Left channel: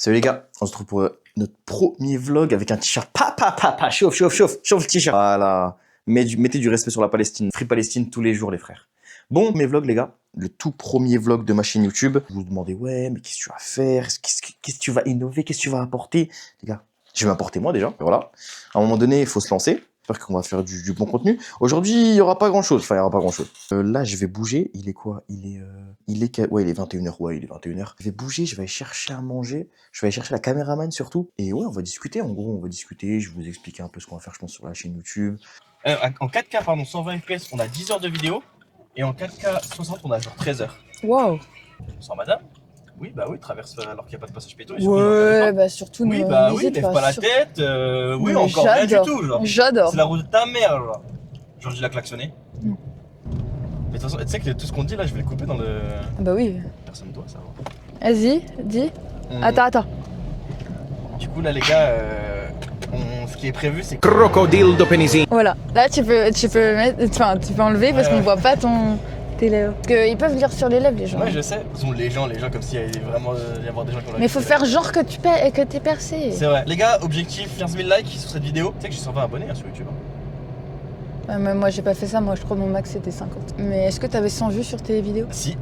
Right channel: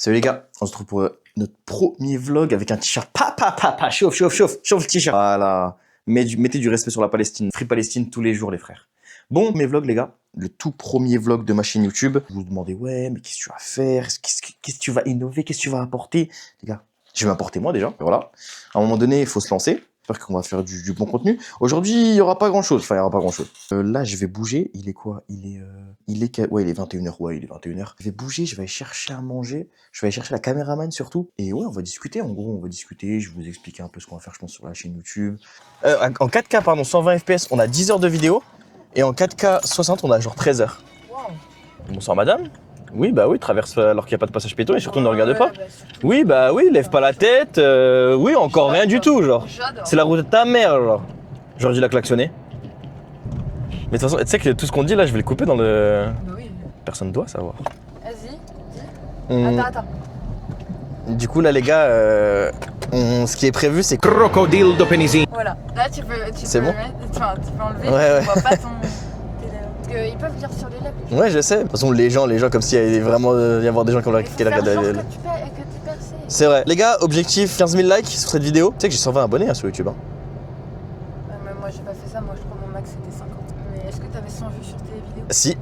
Salut les gars, on se retrouve pour notre premier vlog avec un t-shirt chauffe le t-shirt. Voilà, mettez du respect sur la Palestine, Free Palestine tous les jours les frères. Bon, mes vlogs les gars, le tout premier vlog de ma chaîne YouTube. Vous vous demandez ouais, mais qu'est-ce que tu vas faire, qu'est-ce que tu vas innover, qu'est-ce que tu vas apporter? Les gars, je vais m'apporter moi déjà, voilà. À un moment donné, il faut se lancer. J'espère qu'on va faire du bon contenu. Aujourd'hui, il n'y aura pas grand-chose. Enfin, il n'y aura pas grand-chose. Là, je vais bouger. Il est quoi? Ouais, il est 21h. Ouais, il est 21h. Je vais bouger, je vais aller chercher à manger. Je vais aller chercher la caméraman surtout. Et ouais, on va discuter. En gros, on va discuter. Je vais vous expliquer un peu ce qu'on va faire, je pense, sur la chaîne YouTube. En 4K, pardon, 120 FPS, on a 10 heures de vidéo. Et en 4K 60, on a genre 13 heures. Wow. Bonsoir, madame. Oui, bah oui, traverse alors qu'il n'y a pas de passage piéton et surtout ne regarde pas. Bah surtout Oui, bah oui, lève pas la tête. Oui, Mais encore rien du tout, genre. J'adore. C'est la route de ta mère, genre. Genre, il a klaxonné. Mais de toute façon, tu sais que tout ce qu'on dit là, je vais le couper dans le. Bah oui. Personne doit savoir. Vas-y, dis. Attends. Du coup, là, les gars, ce qui est prévu, c'est que. Crocodile de Pénisie. Voilà. Là, tu peux bon mettre. Enfin, tu peux enlever parce qu'on voit pas tes lèvres. Parce qu'ils peuvent lire sur les lèvres, les gens. Ouais, je sais. De toute façon, les gens, comme s'il y avait vraiment y avoir des gens qui ont Mais faut faire genre que t'es percé. C'est vrai. Les gars, objectif 15 000 likes sur cette vidéo. Tu sais que j'ai 120 abonnés sur YouTube. Hein. Mais moi, j'ai pas fait ça. Moi, je crois que mon max c'était 50. Mais est-ce que t'avais 100 vues sur tes vidéos? Si.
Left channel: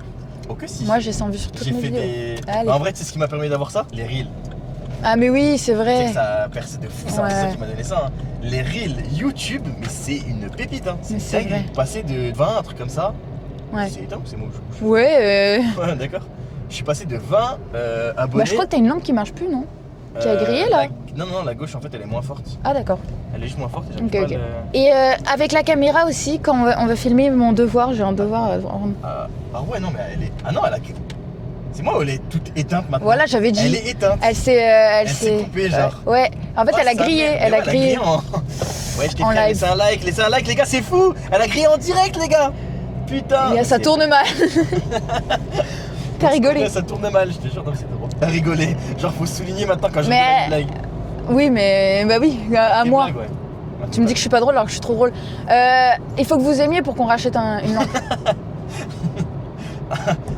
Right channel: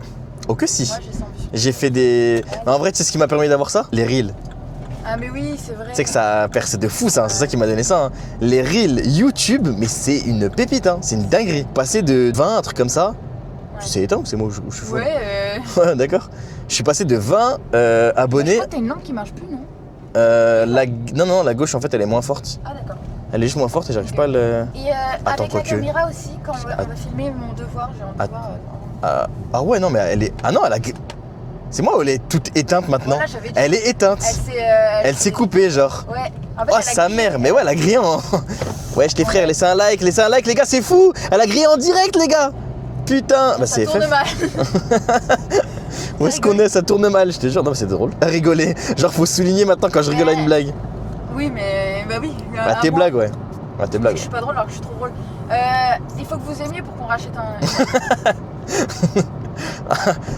Oh que si. Moi, j'ai 100 vues sur tes J'ai fait des. En vrai, tu sais ce qui m'a permis d'avoir ça? Les reels. Ah, mais oui, c'est vrai. Tu sais que ça a percé de fou, ça. Ouais. C'est ça qui m'a donné ça. Hein. Les reels YouTube, mais c'est une pépite. Hein. C'est une dinguerie. Vrai. Passer de 20, un truc comme ça. Ouais. C'est éteint ou c'est moi où je suis fou? Ouais. Ouais, d'accord. Je suis passé de 20 abonnés. Moi, je crois que t'as une lampe qui marche plus, non? Tu as grillé, là Non, la gauche en fait elle est moins forte. Ah, d'accord. Elle est juste moins forte et j'arrive Ok, pas ok. à le. Et avec la tu- caméra aussi, quand on va filmer mon devoir, j'ai un devoir à rendre. Ah ouais, non, mais elle est. Ah non, elle a. C'est moi ou elle est toute éteinte maintenant? Voilà, j'avais dit. Elle est éteinte. Elle s'est coupée, genre. Ouais, en fait, Oh, elle a sa grillé. mère. Mais ouais, elle a grillé en. Ouais, je t'ai En frère, live. laissez un like, les gars, c'est fou! Elle a grillé en direct, les gars! Putain! Et Bah, ça c'est tourne fait. mal. On se rigolé. connaît, ça tourne mal, je te jure, non, mais c'est drôle. T'as rigolé. Genre, faut souligner maintenant quand je Mais- rigole à une blague. Oui, mais bah oui. Bah, à tes moi. blagues, ouais. Ah, tes Tu me dis blagues. que je suis pas drôle alors que je suis trop drôle. Il faut que vous aimiez pour qu'on rachète une lampe.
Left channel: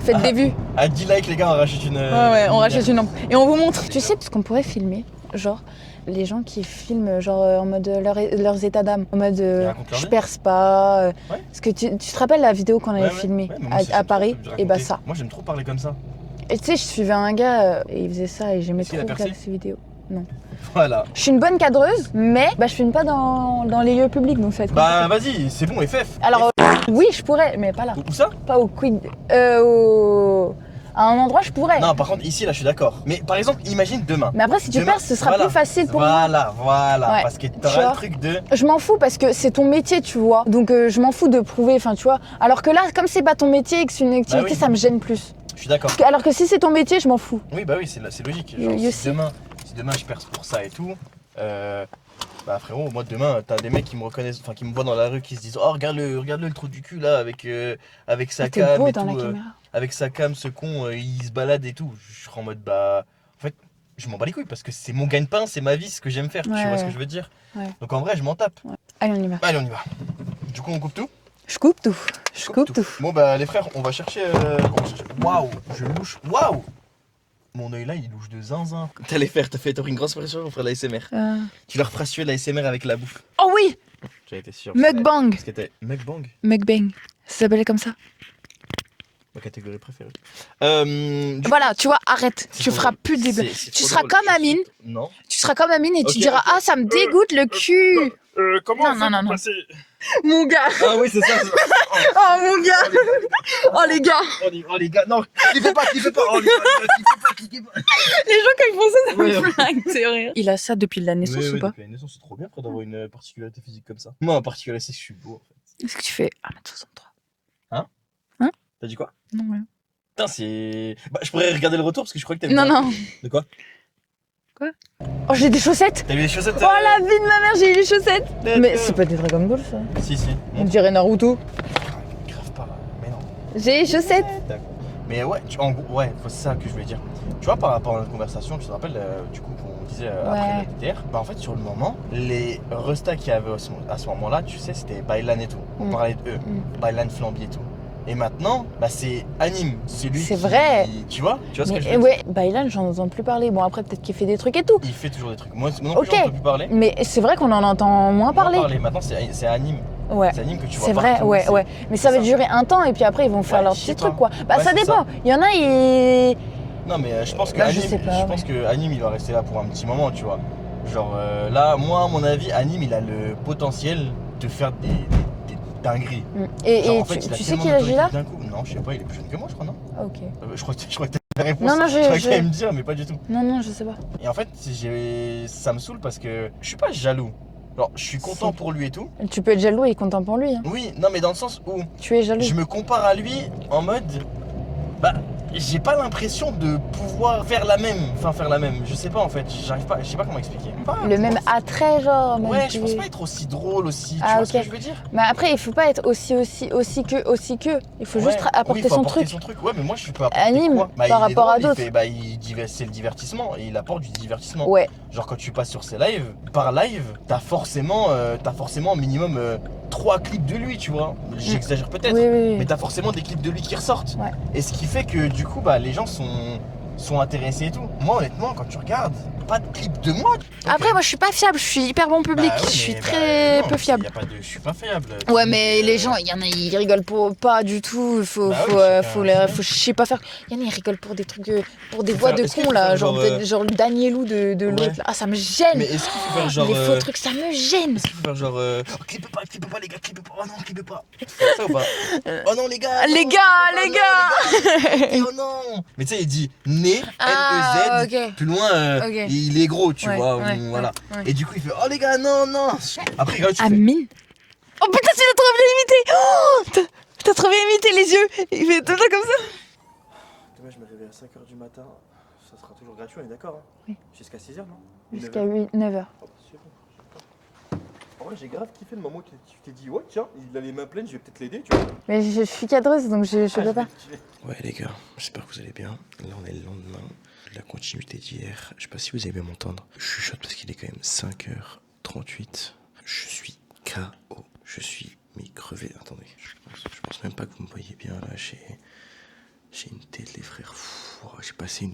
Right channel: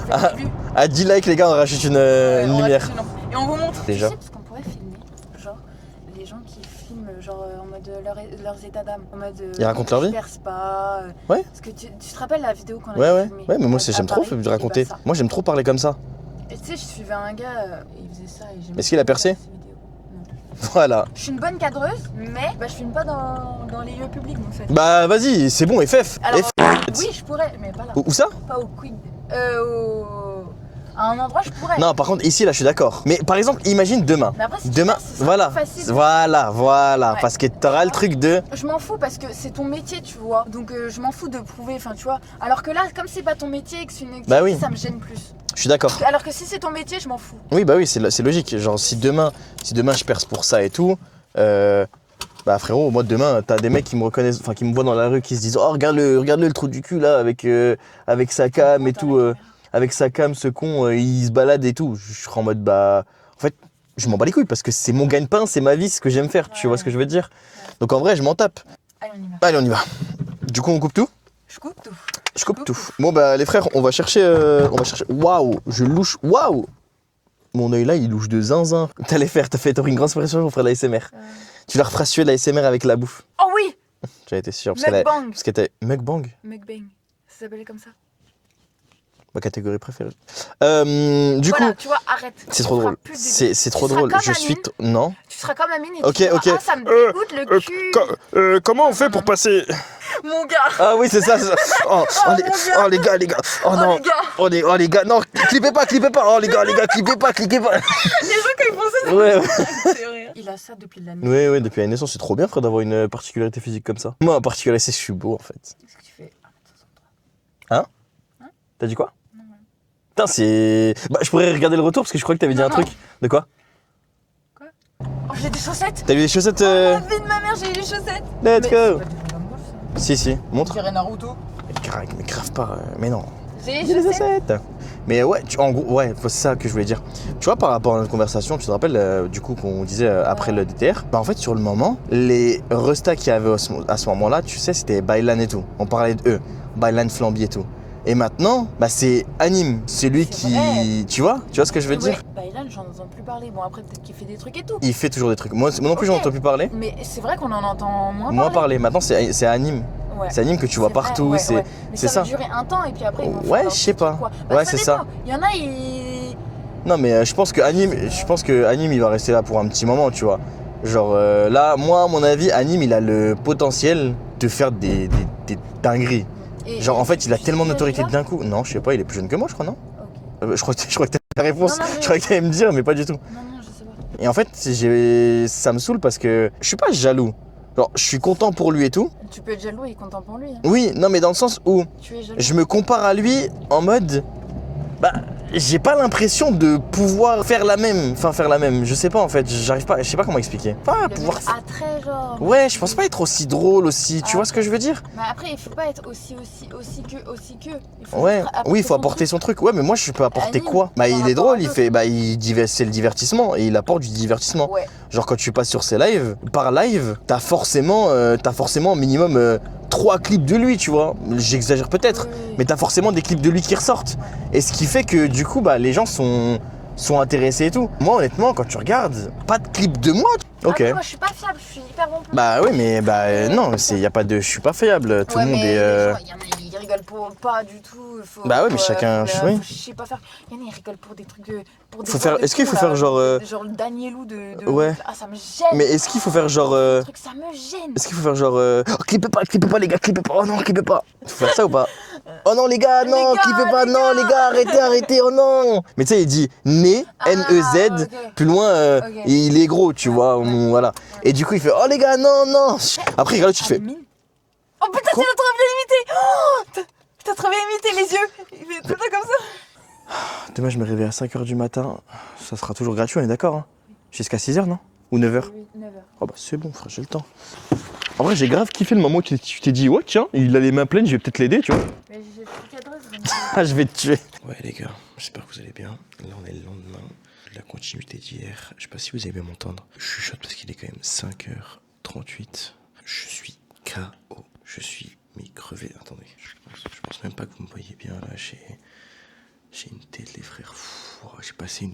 Faites des vues. À 10 likes, les gars, on rachète une. Ouais, on lumière. rachète une lampe. Et on vous montre. Déjà. Tu sais ce qu'on pourrait filmer? Genre, les gens qui filment genre en mode leurs états d'âme. En mode Ils racontent leur je vie perce pas. Ouais. Parce que tu te rappelles la vidéo qu'on avait filmée Ouais, mais moi, à j'aime trop Paris? de Et raconter. bah ça. Moi, j'aime trop parler comme ça. Et tu sais, je suivais un gars et il faisait ça et j'aimais Est-ce qu'il a trop percé regarder ses vidéos. Non. Voilà. Je suis une bonne cadreuse, mais je filme pas dans les lieux publics donc ça va être Bah, vas-y, c'est bon, FF. Alors, oui, je pourrais, mais pas là. Où ça? Pas au Quid. À un endroit, je pourrais. Non, par contre, ici, là, je suis d'accord. Mais par exemple, imagine demain. Mais après, si tu Demain, perces, ce sera plus facile pour moi. Voilà. Ouais. Parce que Tu t'auras le vois truc de. Je m'en fous parce que c'est ton métier, tu vois. Donc, je m'en fous de prouver, enfin, tu vois. Alors que là, comme c'est pas ton métier et que c'est une activité, Bah oui. ça me gêne plus. Je suis d'accord. Alors que si c'est ton métier, je m'en fous. Oui, bah oui, c'est logique. Genre, Oui, si aussi. demain je perce pour ça et tout, bah frérot, moi demain, t'as des mecs qui me reconnaissent, enfin qui me voient dans la rue, qui se disent oh regarde-le le trou du cul là avec sa T'es cam beau et dans tout, la caméra. avec sa cam, ce con, il se balade et tout. Je serai en mode bah, en fait, je m'en bats les couilles parce que c'est mon gagne-pain, c'est ma vie, ce que j'aime faire. Tu vois ce que je veux dire? Ouais. Donc en vrai, je m'en tape. Allez, on y va. Allez, on y va. Du coup, on coupe tout. Je coupe tout. Je coupe tout. Bon bah les frères, on va chercher. Waouh, je louche. Waouh. Mon œil là, il louche de zinzin. T'auras une grosse pression pour faire de l'ASMR. Tu leur feras suer de l'ASMR avec la bouffe. Oh oui. J'en étais sûr. Mukbang. Parce que t'as mukbang, Mukbang. Ça s'appelait comme ça. ma catégorie préférée. Du Voilà, coup, tu vois, arrête. c'est Tu trop feras drôle. plus de C'est Tu trop seras drôle. comme Je suis Amine. Non. Tu seras comme Amine et Ok, tu diras ok. ah ça me dégoûte le cul. Comment Non, on fait non, pour non. passer? Mon gars. Ah oui, c'est ça. Oh, Oh, les, mon gars. oh, les gars. Oh, Oh non. les gars. Oh les gars, non, clippez pas. Oh les gars, clippez pas. Les gens quand ils font ça, Ouais. c'est horrible. Il a ça depuis la naissance Oui, ou pas? depuis la naissance, c'est trop bien, frère, d'avoir une particularité physique comme ça. Moi, en particulier, c'est que je suis beau, en fait. Est-ce que tu fais 1m63? T'as dit quoi? Non, ouais. Putain, c'est. Bah, je pourrais regarder le retour parce que je crois que t'avais dit Non, un non. truc. De quoi? Oh, j'ai des chaussettes. T'as vu les chaussettes? Oh la vie de ma mère, j'ai des chaussettes. let's Mais go. c'est pas des Dragon Ball ça. Si, On montre. dirait Naruto. Mais grave pas, mais non. J'ai des chaussettes. Mais ouais, en gros, ouais, c'est ça que je voulais dire. Tu vois, par rapport à notre conversation, tu te rappelles du coup qu'on disait après Ouais. le DTR, bah en fait, sur le moment, les restas qu'il y avait à ce moment-là, tu sais, c'était Bailan et tout. On parlait d'eux, Bailan Flamby et tout. Et maintenant, bah c'est Anime. C'est lui C'est qui... vrai. Tu vois ce que je veux ouais, dire? Baylan, j'en entends plus parler. Bon, après, peut-être qu'il fait des trucs et tout. Il fait toujours des trucs. Moi non plus, Ok. j'en entends plus parler. Mais c'est vrai qu'on en entend moins Moi parler. parler. Maintenant, c'est Anime. Ouais. C'est Anime que tu vois C'est vrai, partout. ouais, c'est- ouais. Mais c'est ça va durer un temps et puis après, ils vont faire Ouais, leur je sais petit truc, pas. quoi. Bah, Ouais, ça c'est dépend. ça. Il y en a, ils. Non, mais je pense que Bah, je Anime, sais pas. je pense que Anime, il va rester là pour un petit moment, tu vois. Genre là, moi, à mon avis, Anime, il a le potentiel de faire des dingueries. Genre en fait, il a tellement d'autorité d'un coup. Non, je sais pas, il est plus jeune que moi, je crois, non? Ok. Je crois que t'as la réponse. Non, Je crois qu'il allait me dire, mais pas du tout. Non, je sais pas. Et en fait, ça me saoule parce que je suis pas jaloux. Genre, je suis content pour lui et tout. Tu peux être jaloux et content pour lui. Hein. Oui, non, mais dans le sens où Tu es jaloux. je me compare à lui en mode, bah, j'ai pas l'impression de pouvoir faire la même. Enfin, faire la même. Je sais pas en fait. J'arrive pas. Je sais pas comment expliquer. Pas Le pouvoir- même attrait, genre. Ouais, je pense pas être aussi drôle aussi. Tu vois ce que je veux dire? Mais après, il faut pas être aussi que. Il faut Ouais. juste apporter Oui, il faut son apporter truc. son truc. Ouais, mais moi, je peux apporter Anime, quoi? Bah, par il est rapport à drôle. Il d'autres. fait, c'est le divertissement et il apporte du divertissement. Ouais. Genre quand tu passes sur ses lives, par live, t'as forcément minimum 3 clips de lui, tu vois. J'exagère peut-être, Oui. mais t'as forcément des clips de lui qui ressortent. Ouais. Et ce qui fait que du coup, bah, les gens sont intéressés et tout. Moi, honnêtement, quand tu regardes, pas de clip de moi. Ok. Après, moi, je suis pas fiable. Je suis hyper bon public. Bah oui, je suis mais très non, peu il fiable. y a pas de, je suis pas fiable. Tout Ouais, le monde mais est, les gens, il y en a, ils rigolent pas du tout. Bah oui, chacun, oui. je sais pas faire. Il y en a, ils rigolent pour des trucs, pour des Faut voix faire- de est-ce qu'il con, faut là. faire Genre le Danielou de Ouais. Rip, là. Ah, ça me gêne. Mais est-ce qu'il faut faire genre, Les faux trucs, ça me gêne. est-ce qu'il faut faire genre, oh, clippez pas les gars, clippez pas, oh non, clippez pas. Faut faire ça ou pas? Oh non les gars, non, Les gars, clippez pas, les non gars. les gars, arrêtez, oh non. Mais tu sais, il dit né, N-E-Z, ok. plus loin, Ok. et il est gros, tu Ouais, vois, ouais, voilà. ouais. Et du coup, il fait, oh les gars, non. Après, regarde, tu fais, Amine. Oh putain, tu l'as trop bien imité. Oh, t'as trop bien imité les yeux. Il fait tout le temps comme ça. demain je me réveille à 5h du matin, ça sera toujours gratuit, on est d'accord, hein? Oui. Jusqu'à 6h, non? Ou 9h? Oui, 9h. Oh bah c'est bon, frère, j'ai le temps. En vrai, j'ai grave kiffé le moment où tu t'es dit, ouais, tiens, il a les mains pleines, je vais peut-être l'aider, tu vois. Mais je suis cadreuse, donc Ah, je vais te tuer. Ouais, les gars, j'espère que vous allez bien. Là, on est le lendemain de la continuité d'hier. Je sais pas si vous avez bien m'entendre. Je chuchote parce qu'il est quand même 5h38. Je suis KO. Je suis mi-crevé. Attendez, je pense même pas que vous me voyez bien là. J'ai une tête, les frères. J'ai passé une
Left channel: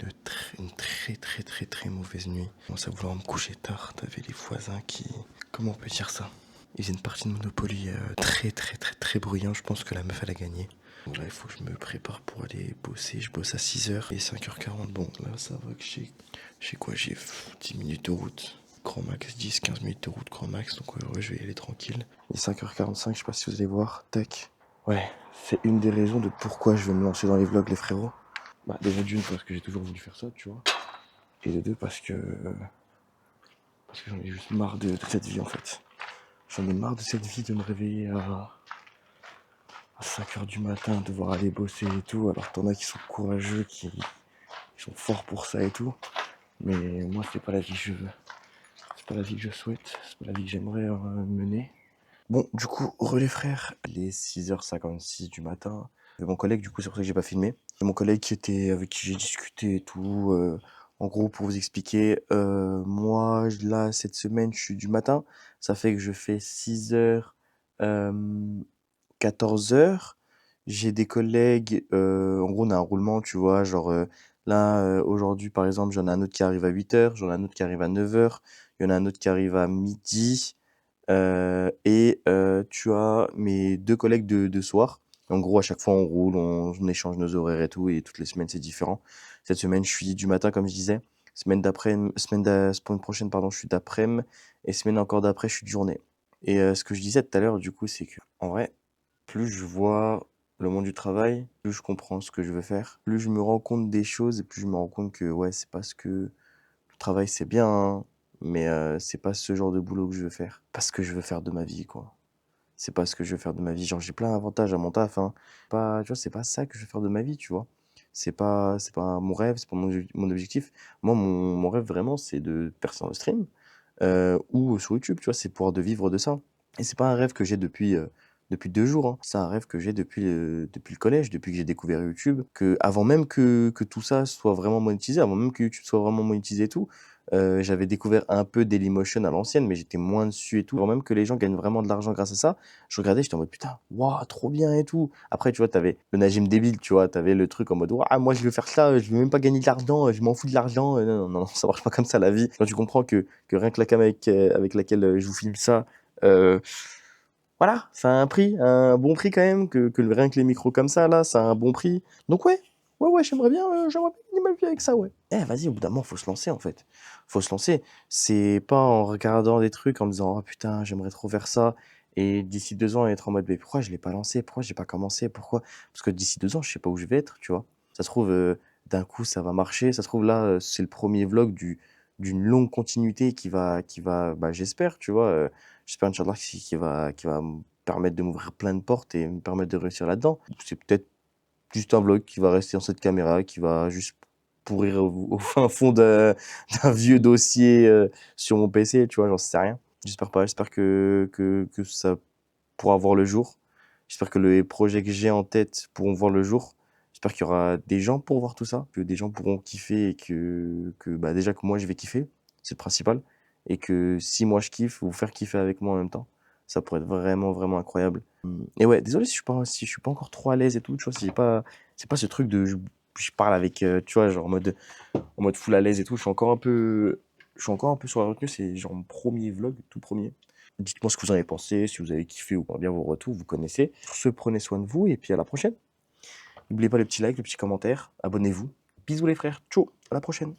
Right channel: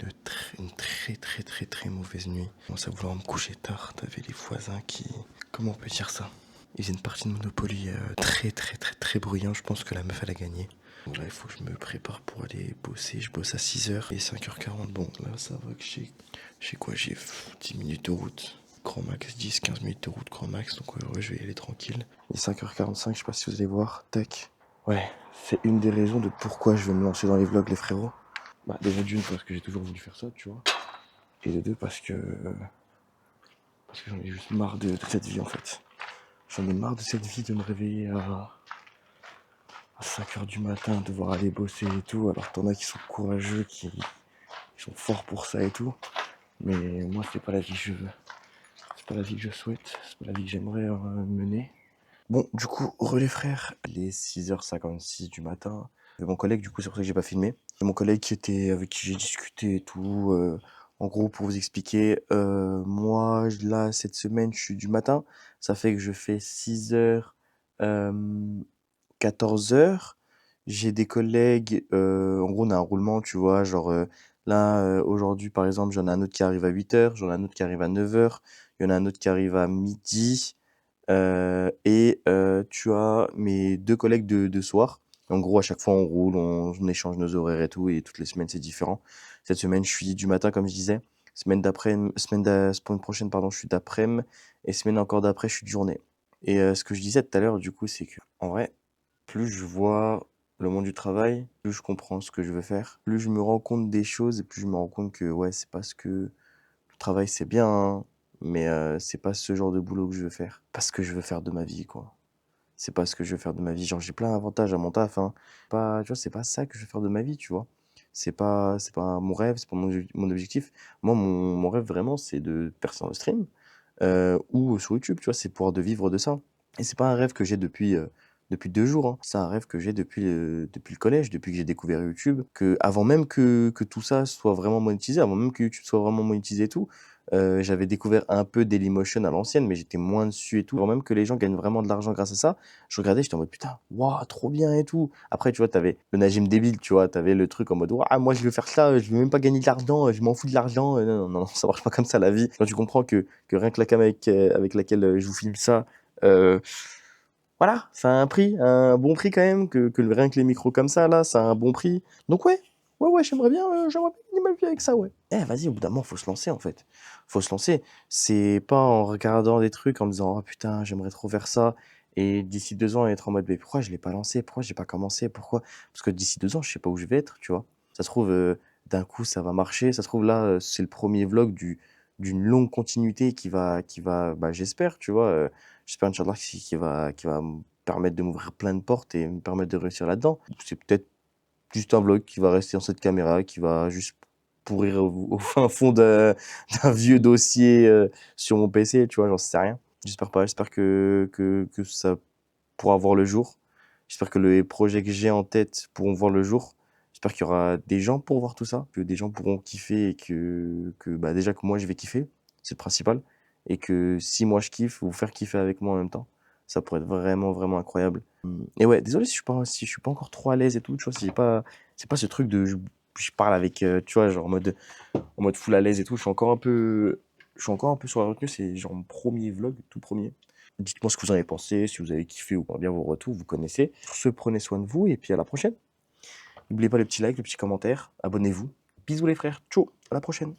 très mauvaise nuit. Je commence à vouloir me coucher tard. T'avais les voisins qui... Comment on peut dire ça? Ils faisaient une partie de Monopoly très bruyant. Je pense que la meuf, elle a gagné. Donc là, il faut que je me prépare pour aller bosser. Je bosse à 6h et 5h40. Bon, là, ça va que j'ai quoi? J'ai 10 minutes de route. Grand max, 10-15 minutes de route, grand max. Donc ouais, je vais y aller tranquille. Il est 5h45, je sais pas si vous allez voir. Tac. Ouais, c'est une des raisons de pourquoi je vais me lancer dans les vlogs, les frérots. Bah, déjà d'une, parce que j'ai toujours voulu faire ça, tu vois. Et de deux, parce que j'en ai juste marre de cette vie, en fait. J'en ai marre de cette vie de me réveiller à 5h du matin, devoir aller bosser et tout. Alors t'en as qui sont courageux, qui sont forts pour ça et tout. Mais moi, c'est pas la vie que je veux. C'est pas la vie que je souhaite. C'est pas la vie que j'aimerais mener. Bon, du coup, relais frères, il est 6h56 du matin. Avec mon collègue, du coup, c'est pour ça que j'ai pas filmé. C'est mon collègue avec qui j'ai discuté et tout. En gros, pour vous expliquer, moi, là, cette semaine, je suis du matin. Ça fait que je fais 6h, 14h. J'ai des collègues, en gros, on a un roulement, tu vois, genre, là, aujourd'hui, par exemple, j'en ai un autre qui arrive à 8h, j'en ai un autre qui arrive à 9h, il y en a un autre qui arrive à midi. Et tu as mes 2 collègues de soir. En gros, à chaque fois, on roule, on échange nos horaires et tout, et toutes les semaines, c'est différent. Cette semaine, je suis du matin, comme je disais. Semaine prochaine, pardon, je suis d'après-midi. Et semaine encore d'après, je suis de journée. Et ce que je disais tout à l'heure, du coup, c'est que, en vrai, plus je vois le monde du travail, plus je comprends ce que je veux faire. Plus je me rends compte des choses, et plus je me rends compte que, ouais, c'est parce que le travail, c'est bien, hein, mais c'est pas ce genre de boulot que je veux faire. Pas ce que je veux faire de ma vie, quoi. C'est pas ce que je veux faire de ma vie. Genre, j'ai plein d'avantages à mon taf, hein. Tu vois, c'est pas ça que je veux faire de ma vie, tu vois. C'est pas mon rêve, c'est pas mon objectif. Moi, mon rêve, vraiment, c'est de percer dans le stream ou sur YouTube, tu vois. C'est pouvoir de vivre de ça. Et c'est pas un rêve que j'ai depuis 2 jours, hein. C'est un rêve que j'ai depuis le collège, depuis que j'ai découvert YouTube. Avant même que tout ça soit vraiment monétisé, avant même que YouTube soit vraiment monétisé et tout, J'avais découvert un peu Dailymotion à l'ancienne, mais j'étais moins dessus et tout. Avant même que les gens gagnent vraiment de l'argent grâce à ça, je regardais, j'étais en mode putain, waouh, trop bien et tout. Après, tu vois, t'avais le Najim débile, tu vois, t'avais le truc en mode waouh, moi je veux faire ça, je veux même pas gagner de l'argent, je m'en fous de l'argent. Non, non, non, ça marche pas comme ça la vie. Quand tu comprends que rien que la cam avec laquelle je vous filme ça, euh, voilà, ça a un prix, un bon prix quand même, rien que les micros comme ça, là, ça a un bon prix. Donc ouais, ouais, j'aimerais bien gagner ma vie avec ça, ouais. Vas-y, au bout d'un moment, faut se lancer, en fait. Faut se lancer. C'est pas en regardant des trucs, en me disant, oh putain, j'aimerais trop faire ça, et d'ici 2 ans, être en mode, mais pourquoi je l'ai pas lancé? Pourquoi j'ai pas commencé? Pourquoi? Parce que d'ici 2 ans, je sais pas où je vais être, tu vois. Ça se trouve, d'un coup, ça va marcher. Ça se trouve, là, c'est le premier vlog d'une longue continuité qui va, bah, j'espère, tu vois. J'espère, Inch'Allah, qui va me permettre de m'ouvrir plein de portes et me permettre de réussir là-dedans. C'est peut-être juste un vlog qui va rester dans cette caméra, qui va juste pourrir au fin fond d'un vieux dossier sur mon PC, tu vois, j'en sais rien. J'espère pas, j'espère que ça pourra voir le jour. J'espère que les projets que j'ai en tête pourront voir le jour. J'espère qu'il y aura des gens pour voir tout ça, que des gens pourront kiffer et que bah déjà que moi je vais kiffer, c'est le principal. Et que si moi je kiffe, vous faire kiffer avec moi en même temps. Ça pourrait être vraiment, vraiment incroyable. Et ouais, désolé si je suis pas encore trop à l'aise et tout, tu vois, c'est pas ce truc de je parle avec, tu vois, genre en mode full à l'aise et tout. Je suis encore un peu sur la retenue, c'est genre mon premier vlog, tout premier. Dites-moi ce que vous en avez pensé, si vous avez kiffé ou pas bien vos retours, vous connaissez. Sur ce, prenez soin de vous et puis à la prochaine. N'oubliez pas le petit like, le petit commentaire, abonnez-vous. Bisous les frères, ciao, à la prochaine.